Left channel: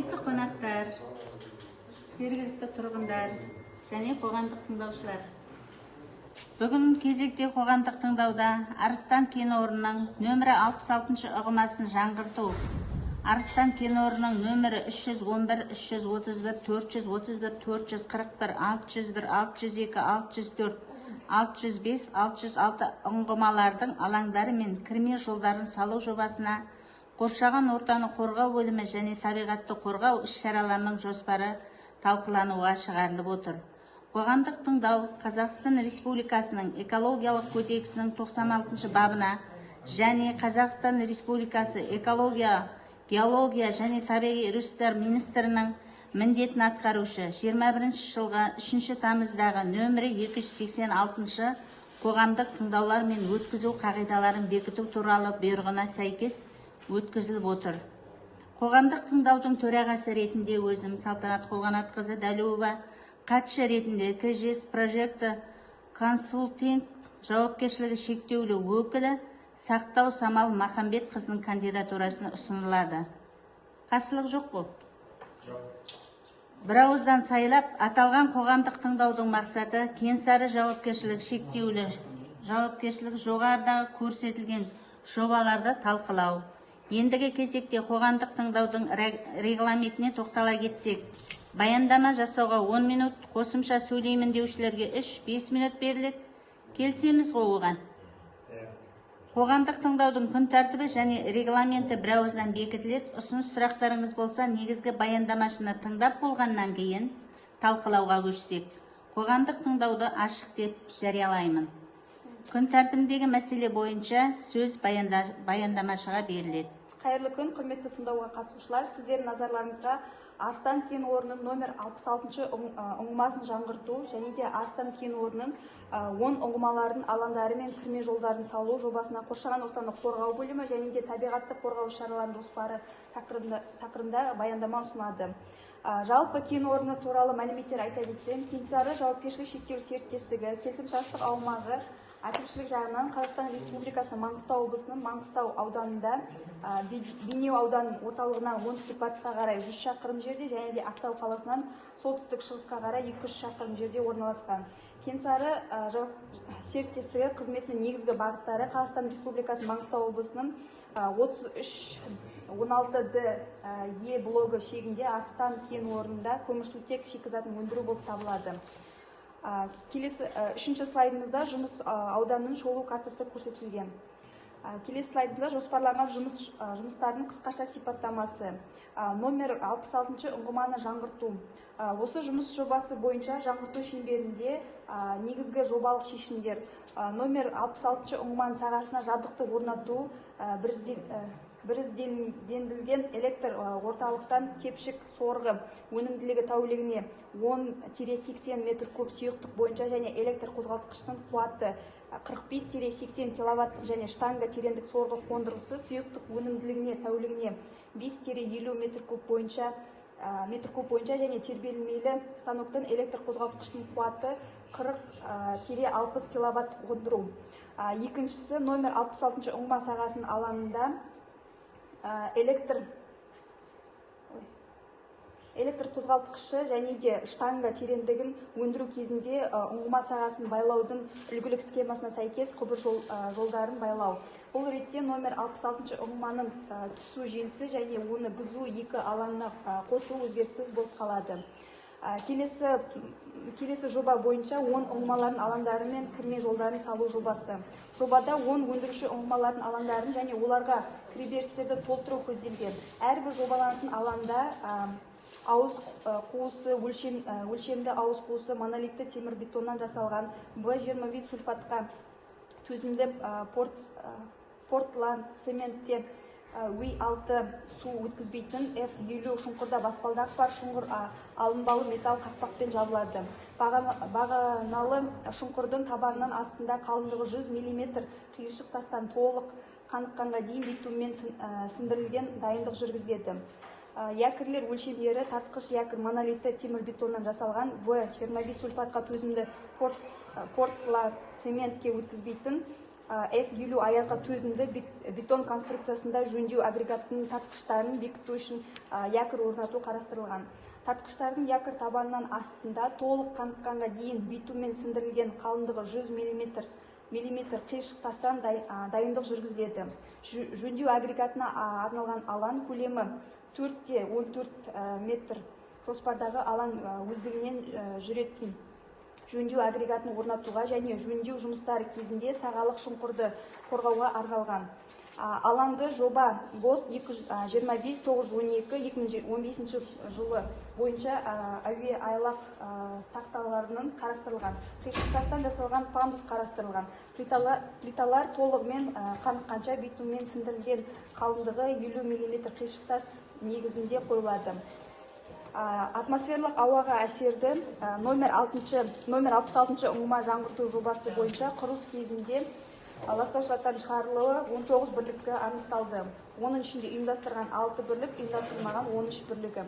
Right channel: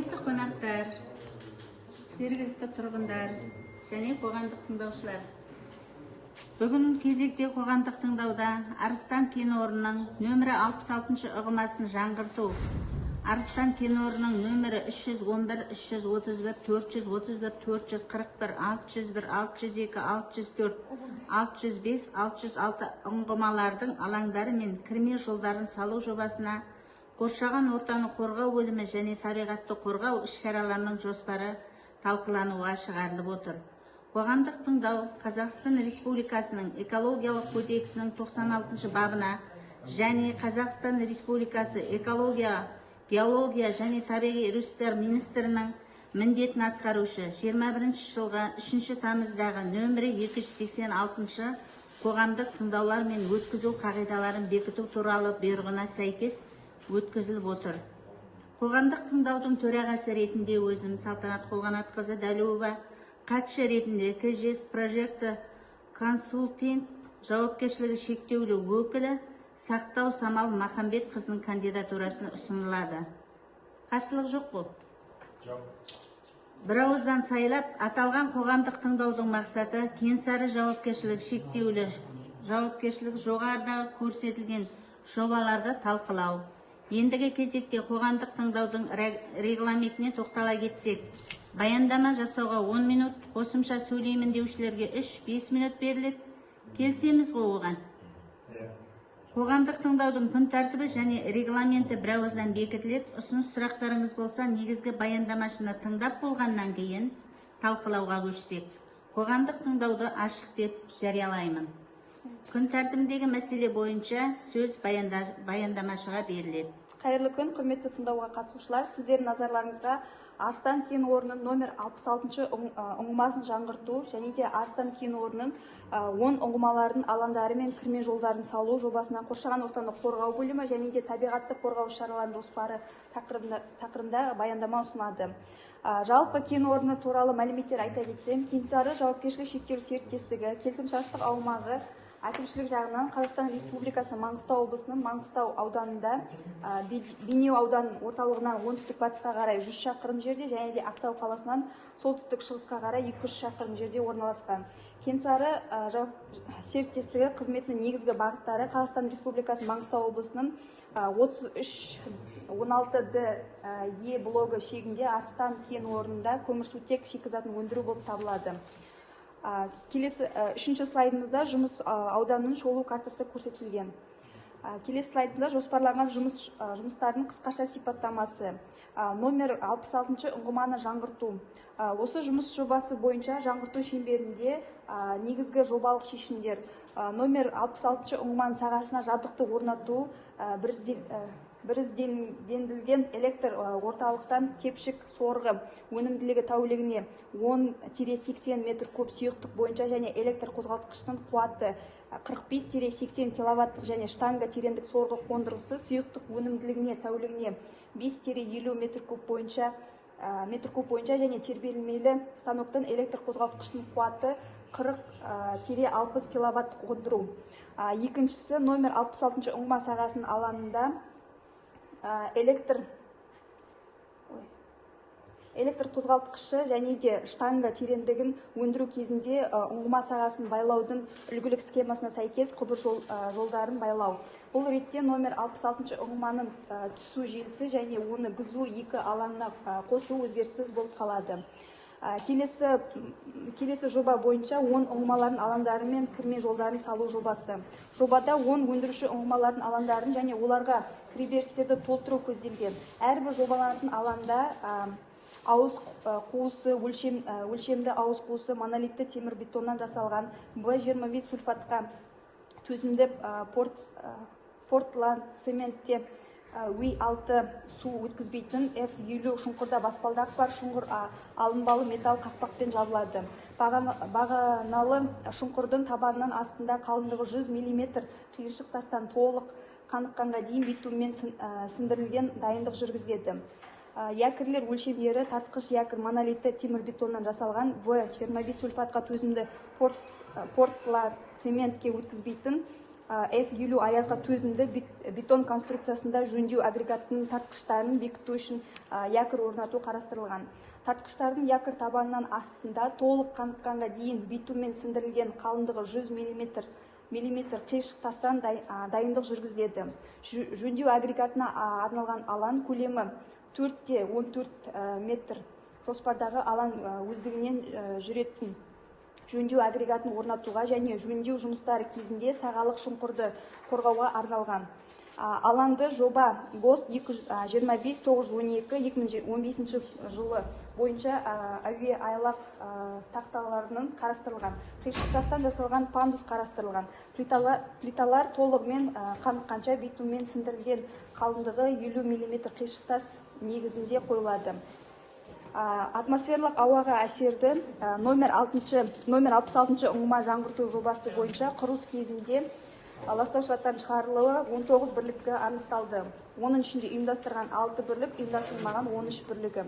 Құрметті қонақтар, жергілікті тұрғындар және қоғамдық тыңдаушылар. Бүгін кезекте қоғамдық тыңдауда Арыстан кен орнының нөмірі 66 ұғымасын жаңғырту, Арыстан кен орнының нөмірі 311, 331, 431, 441, 601, 602, 604, 605, 606 ұңғымалардың алаңдары мен кірме жолдарын салу жобасына қоршаған ортаны қорғау бөлімі және табиғатты қорғау іс-шараларының жоспары талқылануға шығарылып отыр. Қоғамдық тыңдау Қазақстан Республикасының экологиялық кодексінің 96 бабына және Қазақстан Республикасы экология, геология және табиғи ресурстар министрінің міндетін атқарушы 21 жылғы 3 тамыздағы нөмірі 286 қоғамдық тыңдаулар мен өткізу қағидаларын бекіту туралы бұйрығына сәйкес өткізіліп отыр. Қоғамдық тыңдаудың төрағасы ретінде өзім Салтанат Қолғанатқызы Дәлеуова, қатысушы ретінде КЖС Прожекті консультинг жауапкершілігі шектеулі өкілі Сақтау Самал Махамбет қызының кандидатурасына ұсынылады. Қарсылық жоқ қой? Бір ауыздан сайлап, аталған қоғамдық тыңдаудың мақсаты Кенсары жауапкершілігі шектеулі жауапкершілігі жоғарыдағы көрсетілген жобаларды талқылау. Ендігі кезекте қоғамдық тыңдаудың регламентіне тоқтала кетсек, баяндама жасауға 10 минут, қосымша сөйлеймін деушілерге 3-5 минут беріледі. Келісеміз ғой оған? Қоғамдық тыңдаудың күн тәртібі және регламенті бір ауыздан бекітіледі. Ұсыныс сұрақтарыңыз болса, негізгі баяндамашыны тыңдап болғаннан кейін талқылауға көшсек, қоғамдық тыңдауды ашық деп жариялаймын. Күн тәртібіндегі мәселе бойынша сөз баяндамашыға беріледі. Қайырлы күн, құрметті тыңдауға қатысушылар. Сіздердің назарларыңызға Арыстан кен орнының номер 66 ұңғымасын жаңғырту және де Арыстан кен орнының 10 ұңғымалардың алаңдары мен кірме жолдарын салу жобасына қоршаған ортаны қорғау бөлімі және де табиғатты қорғау шараларының жоспары тақырыбында баяндама ұсынады. Жалпы кен орны туралы мәліметтер айта кетсем, Кенсары жауапкершілігі шектеулі серіктестігі келісімшарттық аумағы әкімшілік жағынан Қазақстан Республикасы Маңғыстау облысының Маңғыстау ауданында, Бейнеу ауданының орталығынан оңтүстік-батысқа қарай 100 шақырым жерде және де Ақтау қаласынан солтүстік-шығысқа қарай 200 шақырым жерде орналасқан. Кенсары серіктестігі қызметінің негізгі бағыттары Қазақстан Республикасы Маңғыстау облысының 33-16-д Е блогы шегінде Арыстан кен орнында көмірсутек шикізатын өндіру болып табылады. Келесі үшінші слайдымызда жұмыс ауданының шолу картасы көрсетілген. Келесі слайдында жоспарланған жұмыстардың қысқаша сипаттамасы. Номер 66 ұңғыманы жаңғырту. Осы жұмыс жобасы бойынша жаңғырту шеңберінде негізгі жобалық шешімдер. Номер 66 ұңғыманың сағасына жабдықты орнату, біріздендірілген электр орталықтан тепшік сорғы өнімділігі тәулігіне 10-80 метр куб сұйықтық бойынша және электр қозғалтқыштың қуаты 45-80 киловатт және штанга тереңдік сорғы қондырғысы сұйықтық өнімділігіне тәулігіне 5-50 метр куб бойынша және тербелмелі станоктың электр қозғалтқыштың қуаты 40-60 киловатт қондыру. Екіншісі номер 66 ұңғыма сағасының алаңында электр қозғалтқышы және де штанга тереңдігін өндіру кезінде ұңғыма сағасын байлаудың үлгілік схемасына сәйкес құбыр жолдарын байлау. Бұл ретте номер 66 ұңғыманың түсу желісі және оны бұзу екі алаңына қосу өзгеріссіз болып қалады. Келесі жоба бойынша 10 ұңғымалардың алаңдары мен кірме жолдарын салу жобасы. Жобада 10 өндіруші ұңғымалардың алаңдарын және оларға кіреберістерді толтыру көзделген. Әрбір жобаланатын алаңда ауыз қуысы, өлшемді ауыз қуысы монолитті темір бетоннан жасалған В25 сульфатқа төзімді портланд цементте В6 су өткізбейтін F50 шұңқырда баспалдақ бар шұңқыр алынбалы металл қақпақпен жабылады. Бағаналы шұңқырдың табанынан астында қалыңдығы 100 мм қиыршық тастан толық қаныққанға дейін битуммен сындырылген дайындық жүргізіледі. Якірлер өлшемдері тартқыш якір монолитті темір бетоннан жасалған В25 сульфатқа төзімді портланд цементке өткізбейтін F50 аязға төзімді бетон конструкциясында жөндеу агрегаттың тартқыштарын бекіту үшін якорь орнату қарастырылған. Тартқыштардың якорь табанынан астында толық қаныққанға дейін битуммен сіңдірілген қалыңдығы 100 мм қиыршық тастан дайындық жүргізіледі. Жөндеу агрегатына арналған алаң көлемі 4-14 метр. Жоспардағы алаң өздігінен жүретін жөндеу агрегатын орнатуға және жөндеу жұмыстары кезінде сағалық шұңқырды қорғауға арналған. Алаңды жоба ГОС 225-912-2015 жылы бойынша әуе айлақ тақталарының қарастырылған. Қиыршық тастан жасалған пандус қарастырылған. Плиталар толығымен қаныққанша битуммен сіңдірілген, қалыңдығы 50 мм қиыршық тас негізінде қойылады. Атмосферлық ауаға әсерді номер 66 ұңғыма жаңғырту жобасы бойынша құрылыс кезінде ластаушылардан шығарылуы 19 бірлікті анықталды. Оның ішінде ұйымдастырған 6 бірлік, ұйымдастырмаған 13 бірлігі.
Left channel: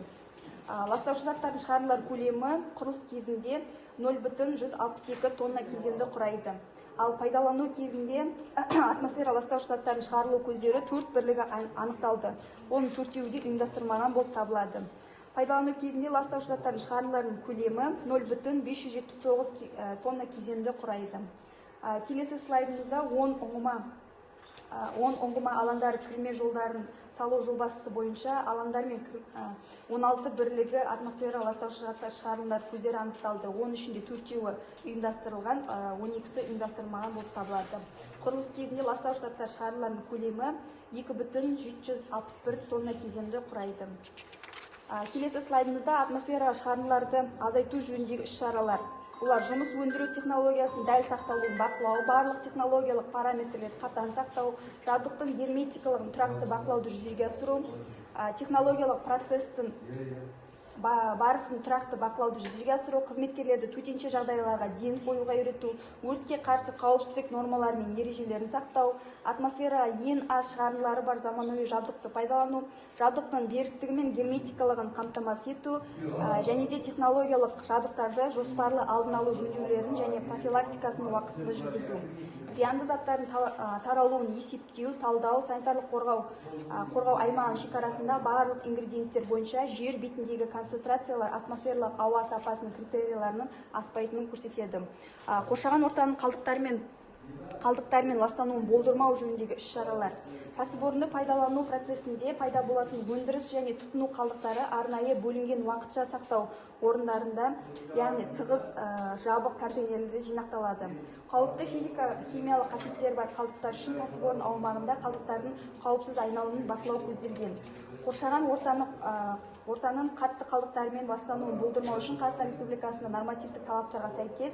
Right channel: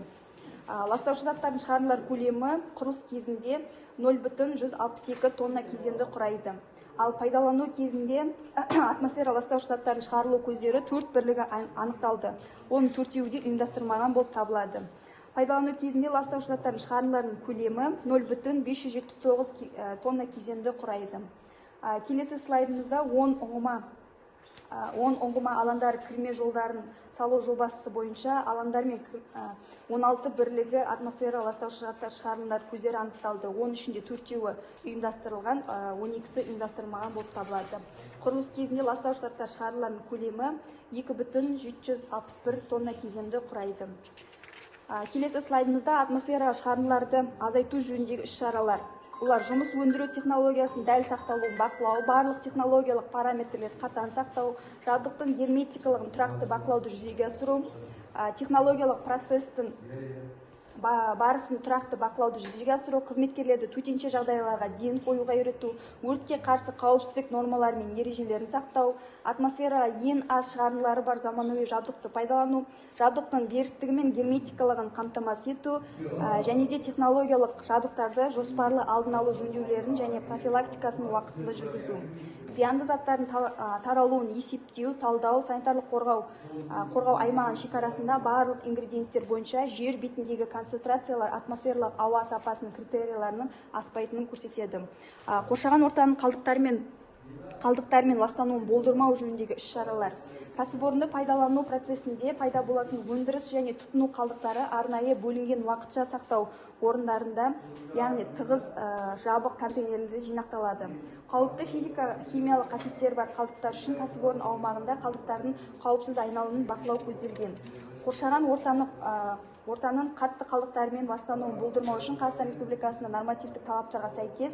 Ластаушылардан шығарылар көлемі құрылыс кезінде 0,162 тонна кезеңді құрайды. Ал пайдалану кезінде атмосфера ластаушылардан шығарылу көздері 4 бірлігі анықталды. Оның 4-еуі де ұйымдастырмаған болып табылады. Пайдалану кезінде ластаушылардан шығарылардың көлемі 0,579 тонна кезеңді құрайды. Келесі слайдымызда 10 ұңғыма алаңдары кірме жолдарын салу жобасы бойынша алаңдар мен 16 бірлігі атмосфера ластаушы заттар шығарылар көздері анықталды. Оның ішінде 4-еуі ұйымдастырылған, 12-сі ұйымдастырылмаған болып табылады. Құрылыс кезінде ластаушы заттар шығарылардың көлемі 2,761 тонна кезеңді құрайды. Келесі слайдымызда атмосфера шығарындыларды азайту жөніндегі іс-шаралар. Олар жұмыс өндіру технологиясын дәл сақталуын бақылау, барлық технологиялық параметрлерді қатаң сақтау, жабдықтың герметикалығын тұрақты бақылауды жүзеге асыру, технологиялық процестің барысын тұрақты бақылауды жүзеге асыру, қызметкерлерді төтенше жағдайларға ден қоюға үйрету, өртке қарсы қауіпсіздік нормалары мен ережелерін сақтау, атмосфераға ең аз шығарындылары бар заманауи жабдықты пайдалану, жабдықтың беріктігі мен герметикалығын қамтамасыз ету, және де технологиялық жабдықтарды жоспарлы алдын алу жөндеулерін және профилактикасын уақытылы жүргізу. Зиянды заттардың таралуын есептеу, талдау, санитарлық қорғау аймағының шекарасында барлық ингредиенттер бойынша жер бетіндегі концентрациялар атмосферлық ауа сапасының критерияларының аспайтынын көрсетеді. Қоршаған ортаның қалдықтармен ластануын болдырмау жөніндегі іс-шаралар. Кәсіпорынды пайдалану процесінде пайда болатын өндіріс және тұтыну қалдықтары арнайы бөлінген уақытша сақтау орындарында, яғни тығыз жабық контейнерлерде жинақталады. Қауіпті физика-химиялық қасиеттері бар қалдықтар үшін кәсіпорын аумағында қалдықтардың қауіпсіз айналымын бақылау көзделген. Қоршаған ортаның қатты қалдықтарымен ластануын болдырмау үшін Қазақстан Республикасының нормативтік талаптарға сәйкес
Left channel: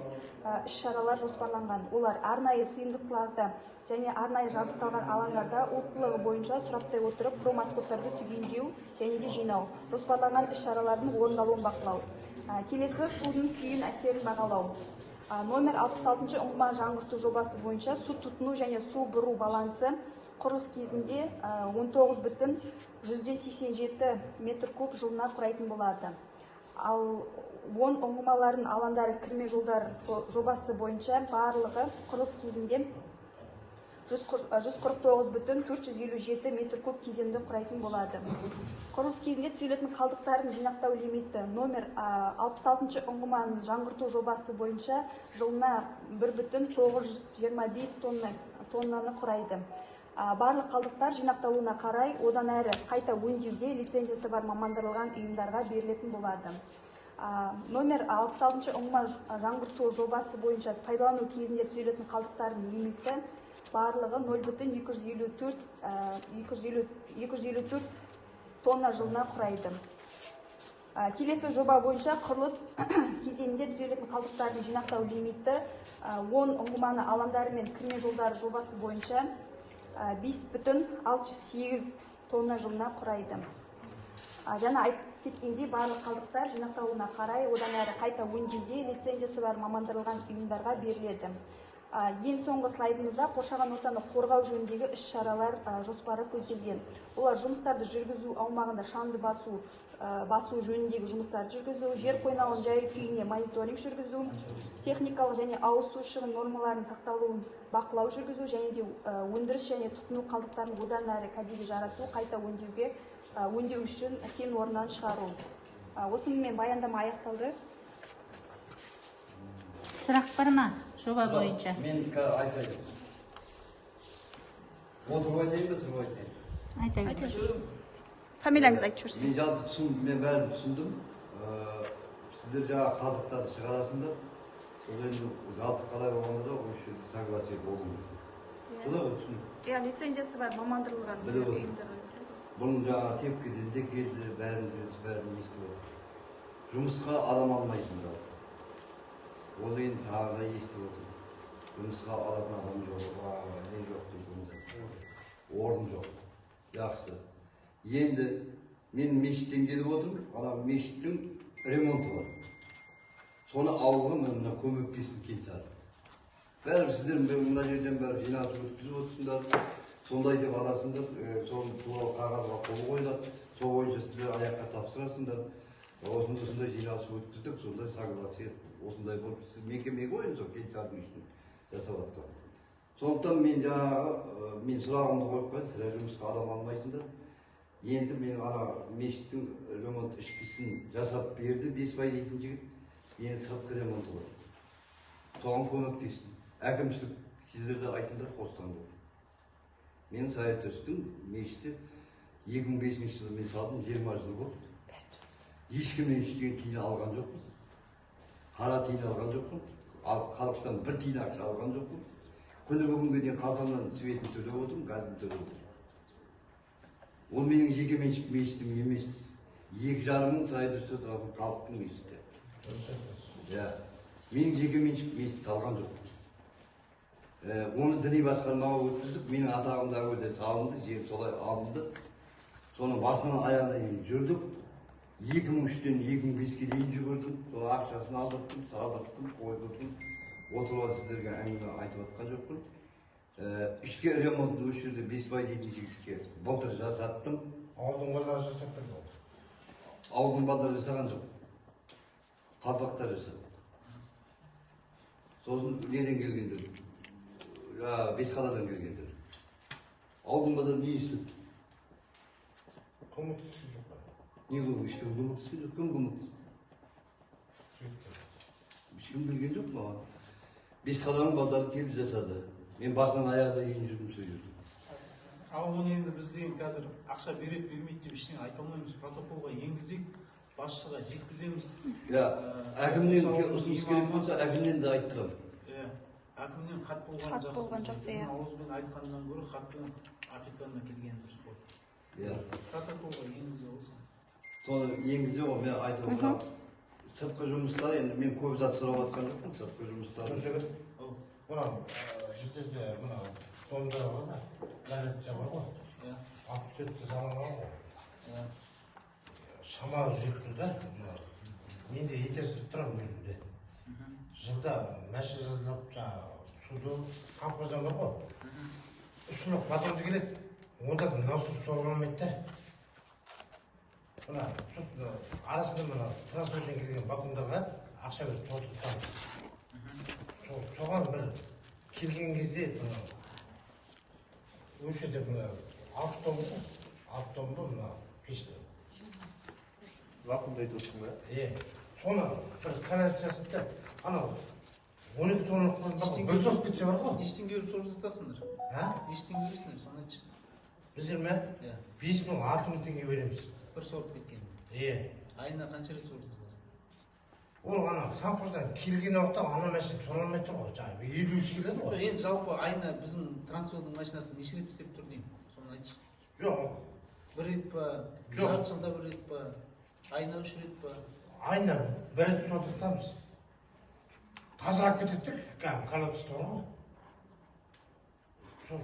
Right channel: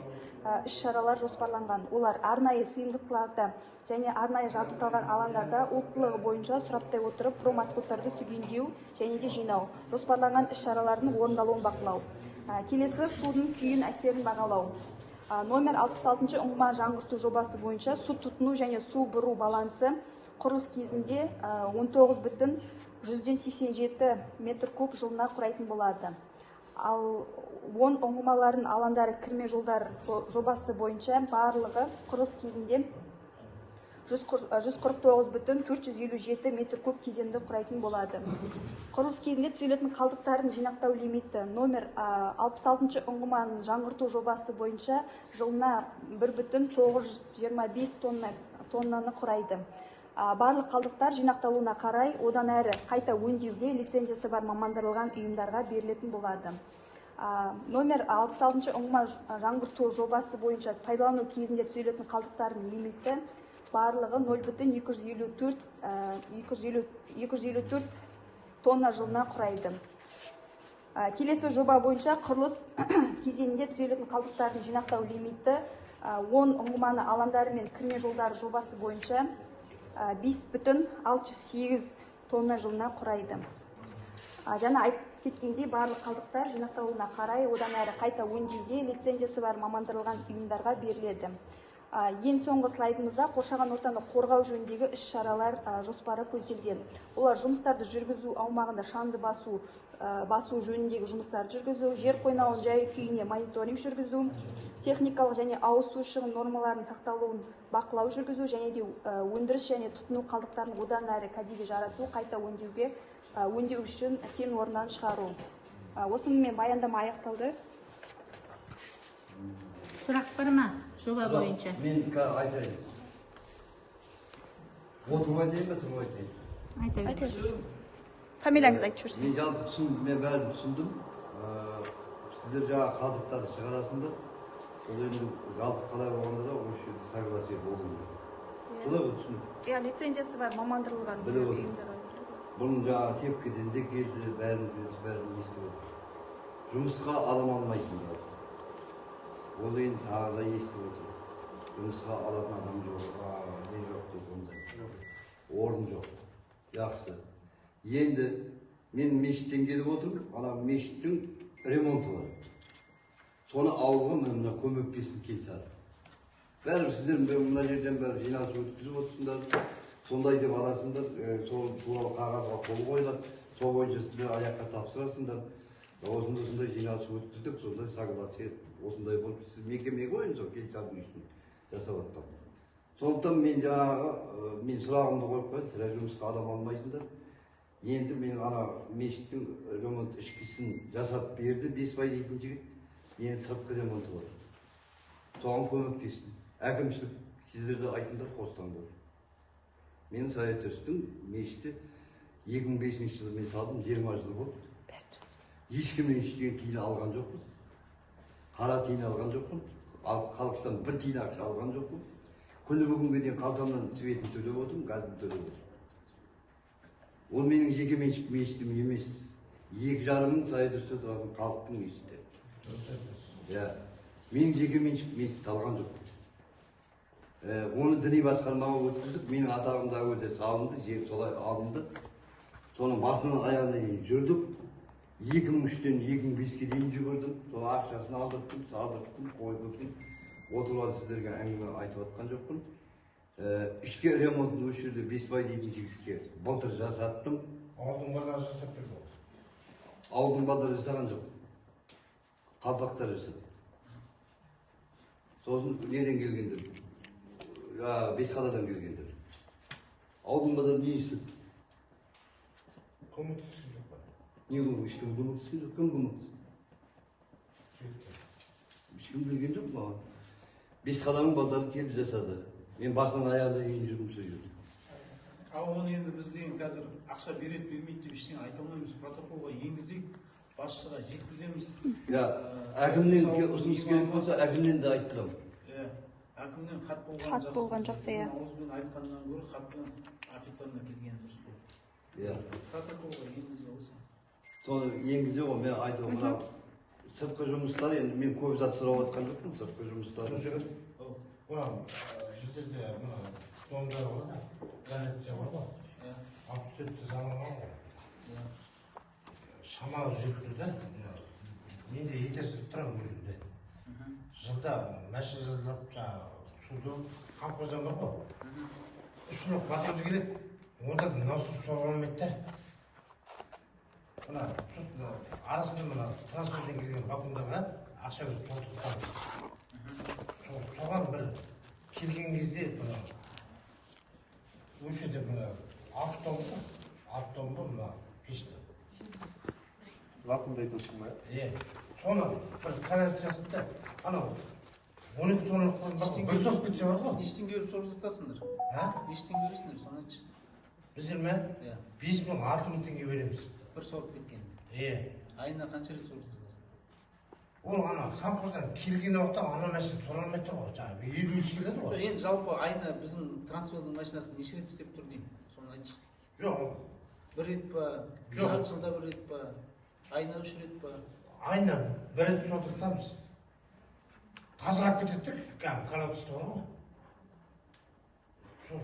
іс-шаралар жоспарланған. Олар арнайы сыйымдылықтарда және арнайы жабдықталған алаңдарда өттілігі бойынша сұраптай отырып проматоктарды түгендеу және де жинау. Жоспарланған іс-шаралардың орындалуын бақылау. Келесі судың күйін әсерін бағалау. Номер 66 ұңғыма жаңғырту жобасы бойынша су тұтыну және су бұру балансы құрылыс кезінде 19,187 метр куб жылына құрайтын болады. Ал 10 ұңғымалардың алаңдары кірме жолдар жобасы бойынша барлығы құрылыс кезінде 149,457 метр куб кезеңді құрайтын болады. Құрылыс кезінде түзелетін қалдықтардың жинақтау лимиті номер 66 ұңғыманың жаңғырту жобасы бойынша жылына 1,925 тоннаны құрайды. Барлық қалдықтар жинақталуына қарай одан әрі қайта өңдеуге лицензиясы бар мамандырылған ұйымдарға берілетін болады. Номер 66 ұңғыма жаңғырту жобасы бойынша пайдалану кезінде түзелетін қалдықтардың лимиті барлығы 0,254 тонна жылына құрайды. Келесі жоба бойынша құрылыс кезеңінде түзелетін қалдықтардың жинақтау лимиті 10 ұңғыманы алаңдары мен кірме жолдары жобасы бойынша 5,608 тонна жылына құрайды. Жаңа айтып кеткендей барлық қалдықтар жинақталуына қарай одан әрі қайта өңдеуге лицензиясы бар мамандырылған ұйымдарға беріледі. Ең соңғы слайдымызда қоршаған ортаны қорғау жөніндегі іс-шаралар жоспары көзделген. Олар жұмыстарды жүргізу аумағында шаңды басу жөніндегі жұмыстарды жүргізу, жер қойнауының жай-күйіне мониторинг жүргізу, техникалық және ауыз су шығын нормаларының сақталуын бақылау жүргізу және де өндіріс және тұтыну қалдықтарын одан әрі кәдеге жарату, қайта өңдеу үшін кен орнынан шығару. Осымен баяндама аяқталды. Сұрақ бар ма жоба бойынша? Мен айтайын. Отырмай дейін бе, тұрмай дейін? Айта берсін. Фамилияңызды айтып жүрсіз. Мен жалпы түсіндім, мен бәрін түсіндім. Сіздер жаңа қалдықтарды шығарасыңдар. Сол енді жалпы қалай болғанда да осы жерде согласие болу керек. Солай ғой түсіндім. Иә, лицензиясы бар, мамандырылған ұйымдар. Бұның жаңа тепкіден де келді, бәрін естіп отыр. Жұмысқа адам алмайсыңдар. Ол енді тағы да естіп отыр. Жұмысқа алатын адам жоқ, не жоқ деп ондай. Орын жоқ. Жақсы. Енді мен мешіттен келіп отырмын, ана мешіттің ремонты бар. Соны ауылға мына көмектесін келсін. Бәрі сіздер мына жерден бәрі жиналыс өткізіп отырсыңдар. Сондай деп аласыңдар, соны туралы қағазға қол қойылады. Сол бойынша сіздер аяққа тапсырасыңдар. Осындай жиналыс өткіздік, сондай согласие осындай болып сіз мекемеге қойын сол келісімнің үшін жасап жатқан. Сондықтан мен жаңағы мен сұрағымды қойып қояйын, сірә жұмысқа адам алмайсыңдар. Енді мен ана мешіттің ремонт ішкісін жасап берді, 5 бай дейтін жігіт. Енді сыртқы ремонты бар. Соған көмектесін. Әкімшілік сіздерді айтыңдар қостаңдар. Мен Саят Өстің мешітті 2005 жылы мен салдым, 20 жыл болды. Ешкімнен ештеңе тиын алған жоқпыз. Қара тиын алған жоқпын. Халықтан бір тиын ақша алған жоқпын. Күні бүгінге дейін қалтамнан светін төлеп отырмын, газын төлеп отырмын. Ол менің жеке меншік мешітім емес. 2,5 мың Саят Өсте тұратын халықтың мешіті. Менің жеке меншік мешіт салған жоқпын. Оны діни басқармаға өткіздік. Менің атағым да өте салынды, жер солай алынды. Соның басынан аяғына дейін жүрдік. 2003-тен 2005-ке дейін жүгірдім. Сол ақшасын алдырттым, салдырттым, қойдырдым. Отырып сіздерге әңгіме айтып отқан жоқпын. Ішкі ремонтын осы жерде 5 бай дейтін жігітке былтыр жасаттым. Ауылдың базары жасап берді ол. Ауылдың базары жасаған жоқ. Қалпақтар жасады. Сосын неден келгендер? Бесқаладан келгендер. Ауылдың базары не істеді? Көмектесіп жоқ па? Не көп, ешкім көмектескен жоқ, кім көмектесті? Ешкім білген жоқ маған. Бесқаладың базары келіп жасады. Мен басынан аяғына дейін жүрдім сол жерде. Ал оны енді біз деген қазір ақша береді, бермейді деп ештеңе айта алмаймыз. Протоколға енгізейік, басшыға жеткіземіз. Әкімнен ұсыныс керек болса, әкімнен де айттырам. Әкімнен хат болған жақсы. Ауызбен айтқаннан гөрі хатпен официально келген дұрыс болды. Протоколға енгізе olsa. Соны енгізе ғой, мен айтып отырмын. Сыртқы жұмыстар, енді мен көп зат сұрап отқан жоқпын, сыртқы жұмыстар. Мынау біздерде мынау столдар бар да, газетте бар ғой. 67-ті заманауи ғой. Шамалы жүрді да. Мен де етесіп тұрамын өзімде. Жылда мәшін жазылып, суды қамқоздан бар ғой. 3 жылық батырды келеді. Онда насос сорғанмайды да. Арасында мына трансферден келген вакуумдарға ақша беріп толтыртамыз. Соған бір келген кезде осы жерде мына 6 тонн мына пешті. Вакуумда айтып отырсың ба? Соны бір канат жасады да, анау 12 тонналық қойын бір соғып кетсе бар ғой. Нештен көріп сорғызатасыңдар? Нештен көресіңдер, соны айтшы. Біздер ме? 5.000-6.000 теңге береміз. Бір сорып кеткен. Айына қанша рет сорғызатасың? Ол ана қамқоздан келген уақытта ана машина сорғалмай тұр ғой, жаңағы 50 келеді ғой. Енді жалпы айына біздің трансфердің машинасы неше рет істеп тұр деймін, соны айтшы. Жоқ. Бір рет па, жарты жылда бір рет па, айына 3 рет па? Айына бір рет сорғызатамыз. Тазарап кетеді, колодцы бар ғой.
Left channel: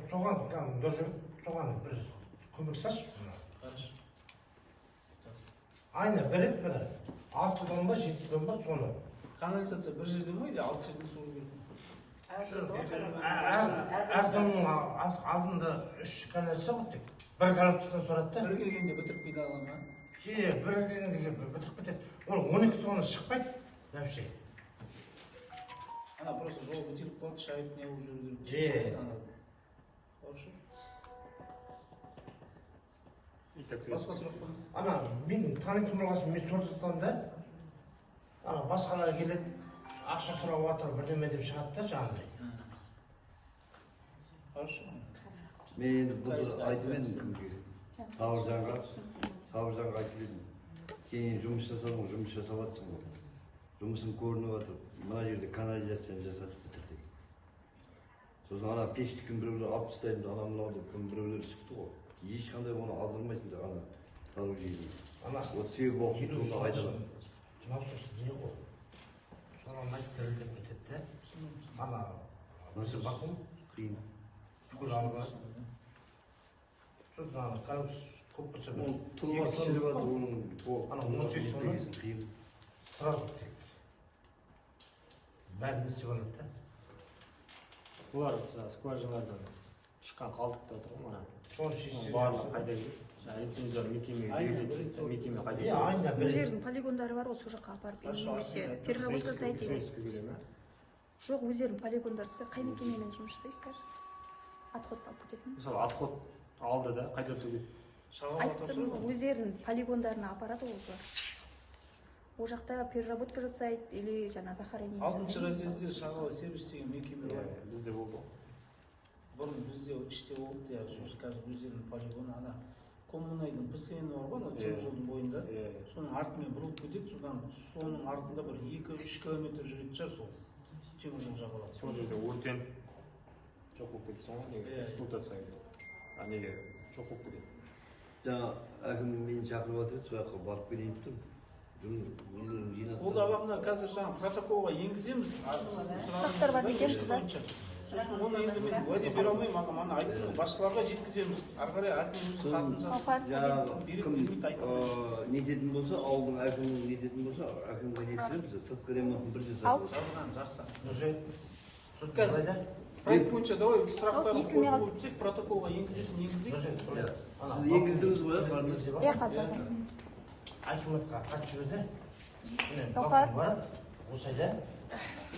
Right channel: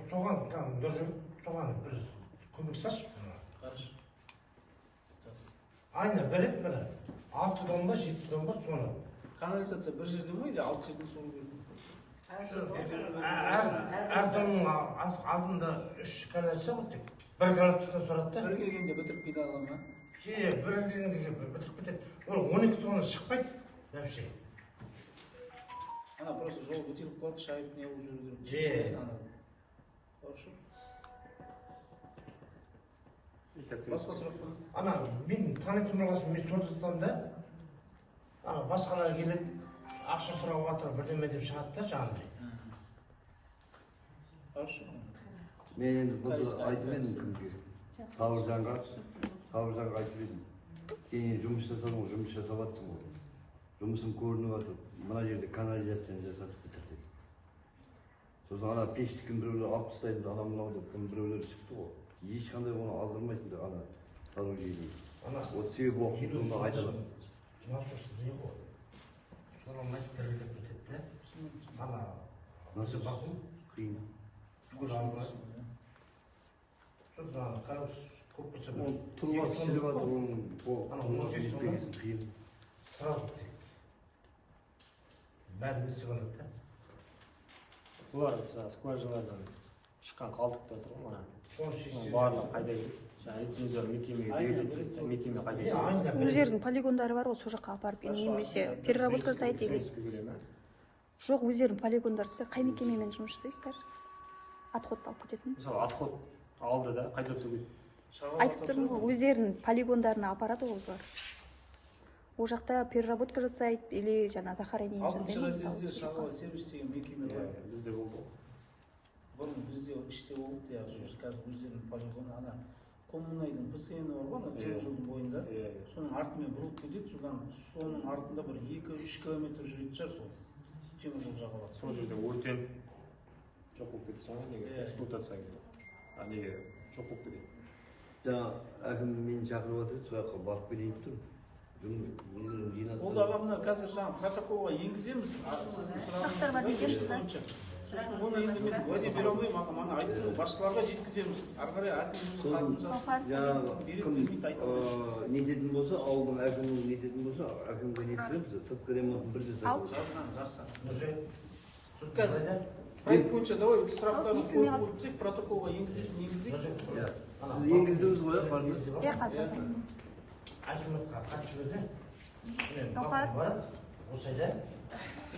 Соған бір көмек салшы. Қарыш. Айына бір рет бір 6 тонн ба, 7 тонн ба соны. Канализация бір жерде ме, или 6 жерден сору керек? әрдомның алдында 3 коллекция ғой тек. Бір коллекциядан сұрады да. Бір келгенде бітіріп кете ала ма? Бір келгенде бітіріп кетеді. Ол 12 тонна шықпайды. Вообще. Ана просто жол бітіріп қалады, шайып не болып жүру Же. керек. Ана. Хорошо. Басқа сұрақ бар? Ана мен танитын болғасын мен сорды жатамын да. Ана басқалар келеді, ақша сұрап жатыр, бірдеме деп шығады да жаңағыдай. Хорошо. Мен енді бұны айтып едім кімге. Сауыржанға айтып едім. Кейін жұмыс жасадың ғой, жұмыс жасап жатсың ғой. Жұмысым көрініп жатыр. Мына жерде канализацияны жасатып бітірдік. Сосын ана пешті кім біреулер алып тастайды, ана мынау деп кім біреулер шықты ғой. Ешқандай оны алдырмайсыңдар ана сооружение. Вот себебі оқып сонда айталады. Мынаусы не ғой? Сұрамайды, дірілдеп кетеді де. Ана Nasıl bakın? Kıyım. Şurada ана karabuz kopması var. O tulva şişiri var onun Ana, tulva onun sesi bitmez var. kıyım. Sırası tek. Бәрін істеп да. Бұлар скважиналардан шыққан қалдықтар тұр ғой мына. Соны шешсе. Барлығы қайда кетті? Жаңағы лицензияр мекемеге беріледі, мекеме қайда кетті? Айында Бұл жердің полигондары бар ғой, сол жаққа апарып немесе переработка жасайды деген. Сөйске келе ме? Жоқ, өздерінің полигондары. Сіз қай мекемемен жұмыс жасайсыздар? Отходты алып кететін. Мысалы отход алды да қайда төгеді? Айтып тұрмын ғой, өздерінің полигондарына апарады ғой осы. Ол жақта переработка жасайды или жаңа захоронение Алтыншы разъезде шағала сервис деген мекеме бар. Бізде болды ғой. Бұрын бізде іште болды, қазір өздерінің полигоны ана коммунайдың ПСН бар ғой, темір жолдың бойында. Соның артымен бұрылып кетеді, содан соның артында бір 2-3 километр жүретін шығар сол темір жол жағалап. Сол жерде өртеніп жоқ болып кетті соңғы неге эксплуатация кетті. А неге жоқ болып кетеді? Жаңа әкім мені шақырып жатыр, сол жаққа барып келейін деп тұрмын. Ол ағамна қазір жаңа протоколға енгіземіз, сіздің сұрағыңыз бойынша. Сосын оны енді мен уәде бере алмаймын, ағам ана айтып жүрмін, басшыларға жеткіземіз. Ары қарай әкім өзі хатын жазсын. Жаңағы кім нететін болса, ауылдың әкімінің нететін болса, әкімге неттіреміз, сыртқы ремонтын бір жасап. Жазған, жақсы. Қазір. Қазір проект бойынша давай сұрақтарын қойып қойып протоколға енгізетін негізі. Сіз енгіздіңіз ғой, қарны? Иә, қазір. Акиматқа қатысы беді. Барады, осы айда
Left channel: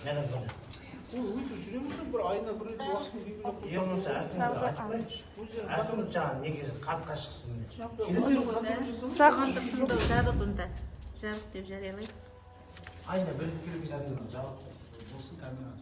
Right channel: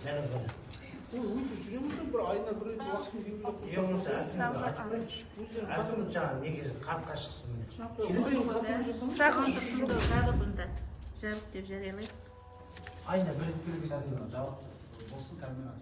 нәлін қылды. Өйтіп жүреміз бір айына бір рет уақытын белгілеп қойсақ. Болмаса әкімді айтпай, әкім жаңағы неге қартқа шықсын міне. Өздерің қатырып жасамыз. Жабық деп жариялайды. Айына бір келіп жатыр. Жабық болсын камераны